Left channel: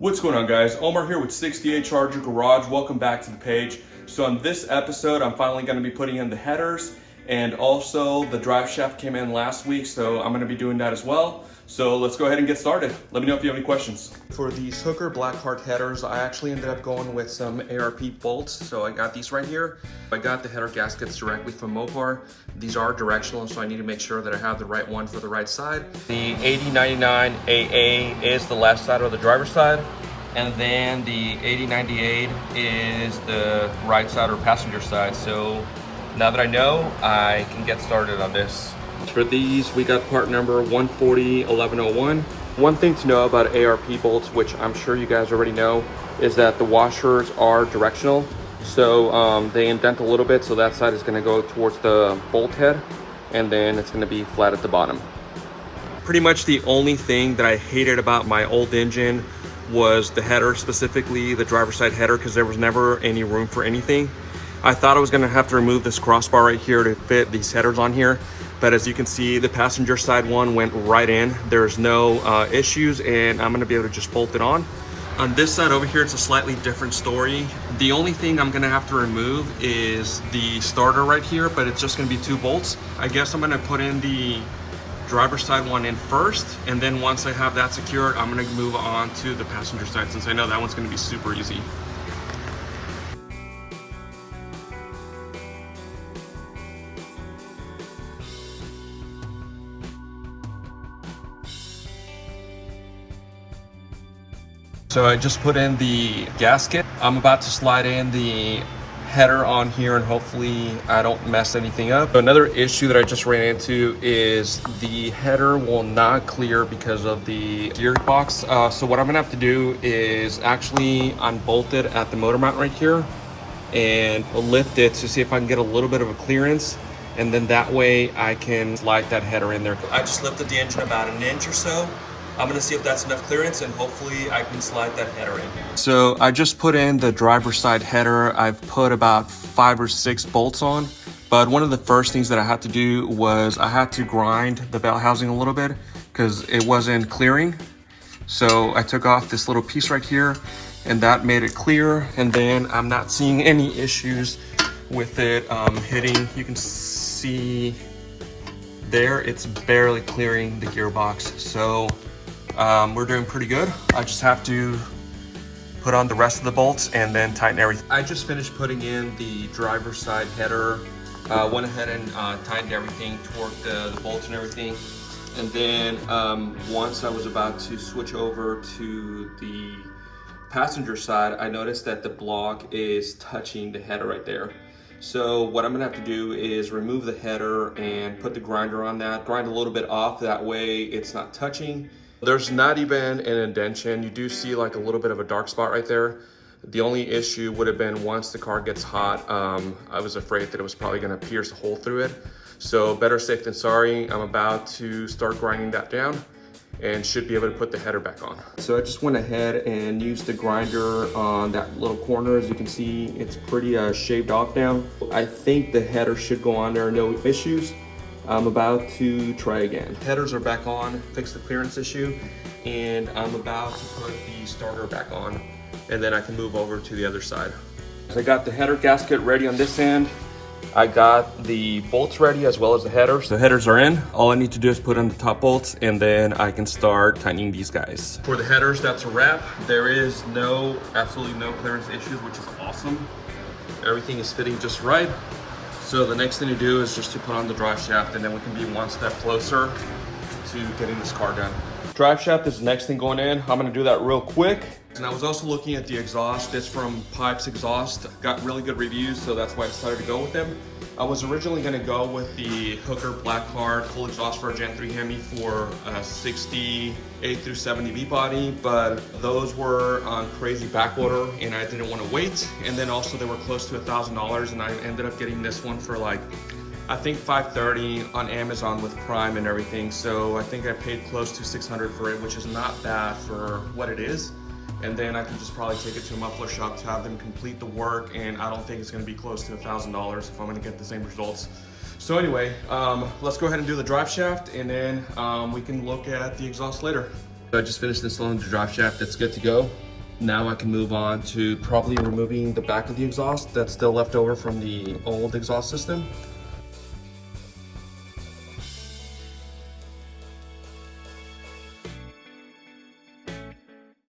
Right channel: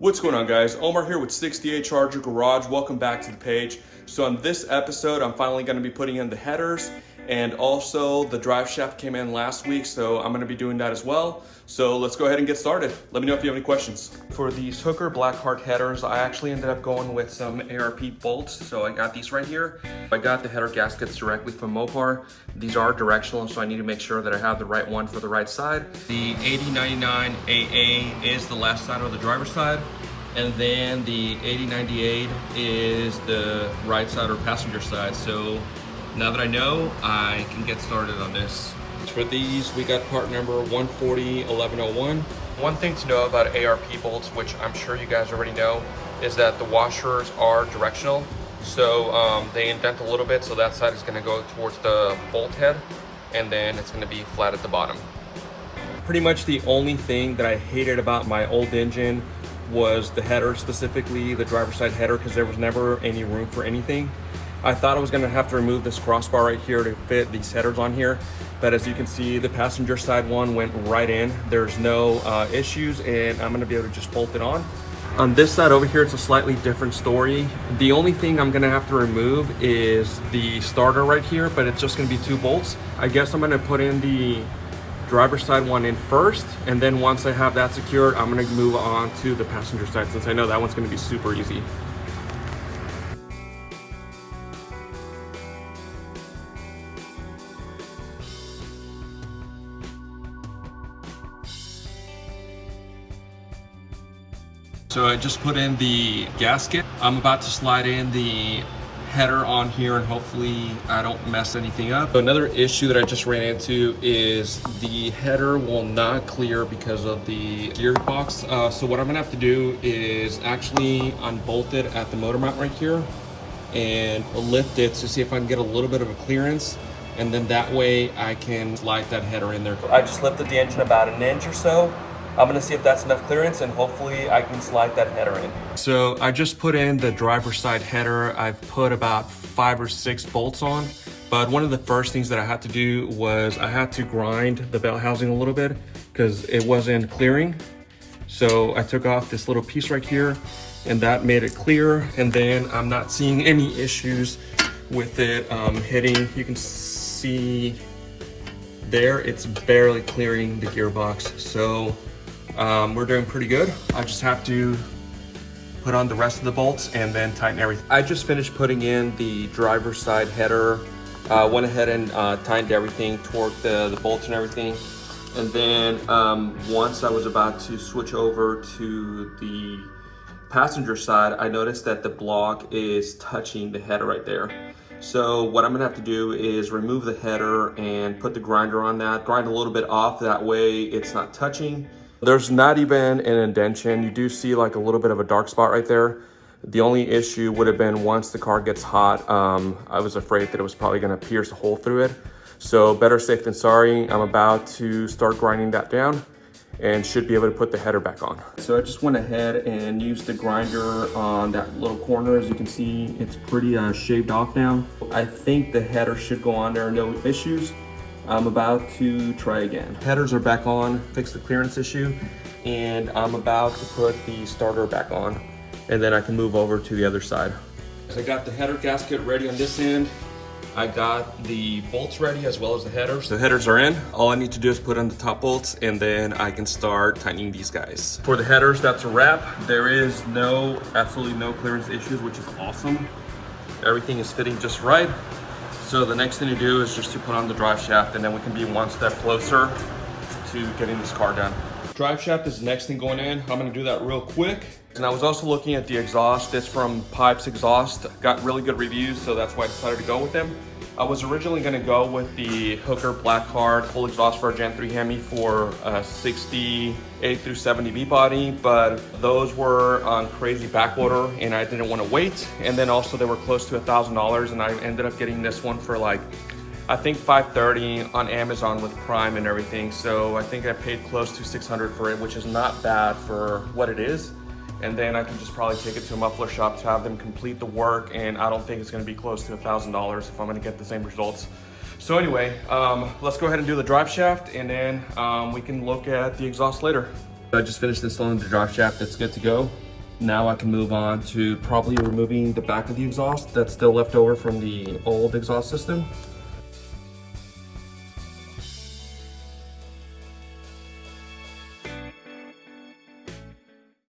What's going on, guys? Omar here with 68 Charger Garage. Welcome back to the page. So on this episode, I'm finally going to be putting in the headers, and also the drive shaft came in last week, so I'm going to be doing that as well. So let's go ahead and get started. Let me know if you have any questions. For these Hooker BlackHeart headers, I actually ended up going with some ARP bolts. So I got these right here. I got the header gaskets directly from Mopar. These are directional, so I need to make sure that I have the right one for the right side. The 8099 AA is the left side or the driver's side. And then the 8098 is the right side or passenger side. So now that I know, I can get started on this. For these, we got part number 1401101. One thing to know about ARP bolts, which I'm sure you guys already know, is that the washers are directional. So they indent a little bit, so that side is going to go towards the bolt head, and then it's going to be flat at the bottom. Pretty much the only thing that I hated about my old engine was the header, specifically the driver's side header, because there was never any room for anything. I thought I was going to have to remove this crossbar right here to fit these headers on here, but as you can see, the passenger side one went right in. There's no issues, and I'm going to be able to just bolt it on. On this side over here, it's a slightly different story. The only thing I'm going to have to remove is the starter right here, but it's just going to be 2 bolts. I guess I'm going to put in the driver's side one in first, and then once I have that secured, I'm going to move on to the passenger side, since I know that one's going to be super easy. So I just put in the gasket. I'm about to slide in the header on here, and hopefully I don't mess anything up. So another issue that I just ran into is the header will not clear because of the gearbox. So what I'm gonna have to do is actually unbolt it at the motor mount right here and lift it to see if I can get a little bit of a clearance, and then that way I can slide that header in there. I just lifted the engine about an inch or so. I'm gonna see if that's enough clearance, and hopefully I can slide that header in. So I just put in the driver's side header. I've put about 5 or 6 bolts on, but one of the first things that I had to do was I had to grind the belt housing a little bit because it wasn't clearing. So I took off this little piece right here, and that made it clear. And then I'm not seeing any issues with it hitting. You can see there, it's barely clearing the gearbox. So we're doing pretty good. I just have to put on the rest of the bolts and then tighten everything. I just finished putting in the driver's side header. Went ahead and tightened everything, torqued the bolts and everything. And then once I was about to switch over to the passenger side, I noticed that the block is touching the header right there. So what I'm gonna have to do is remove the header and put the grinder on that, grind a little bit off, that way it's not touching. There's not even an indentation. You do see like a little bit of a dark spot right there. The only issue would have been once the car gets hot, I was afraid that it was probably gonna pierce a hole through it. So better safe than sorry. I'm about to start grinding that down and should be able to put the header back on. So I just went ahead and used the grinder on that little corner. As you can see, it's pretty shaved off now. I think the header should go on there, no issues. I'm about to try again. Headers are back on, fix the clearance issue, and I'm about to put the starter back on, and then I can move over to the other side. So I got the header gasket ready on this end. I got the bolts ready as well as the headers. The headers are in. All I need to do is put in the top bolts, and then I can start tightening these guys. For the headers, that's a wrap. There is absolutely no clearance issues, which is awesome. Everything is fitting just right. So the next thing to do is just to put on the drive shaft, and then we can be one step closer to getting this car done. Drive shaft is the next thing going in. I'm gonna do that real quick. And I was also looking at the exhaust. It's from Pipes Exhaust. Got really good reviews, so that's why I decided to go with them. I was originally gonna go with the Hooker BlackHeart full exhaust for a Gen 3 Hemi for a 68 through 70 V body, but those were on crazy back order and I didn't wanna wait. And then also they were close to $1,000, and I ended up getting this one for like, I think $530 on Amazon with Prime and everything. So I think I paid close to $600 for it, which is not bad for what it is. And then I can just probably take it to a muffler shop to have them complete the work, and I don't think it's gonna be close to $1,000 if I'm gonna get the same results. So anyway, let's go ahead and do the drive shaft, and then we can look at the exhaust later. I just finished installing the drive shaft. It's good to go. Now I can move on to probably removing the back of the exhaust that's still left over from the old exhaust system.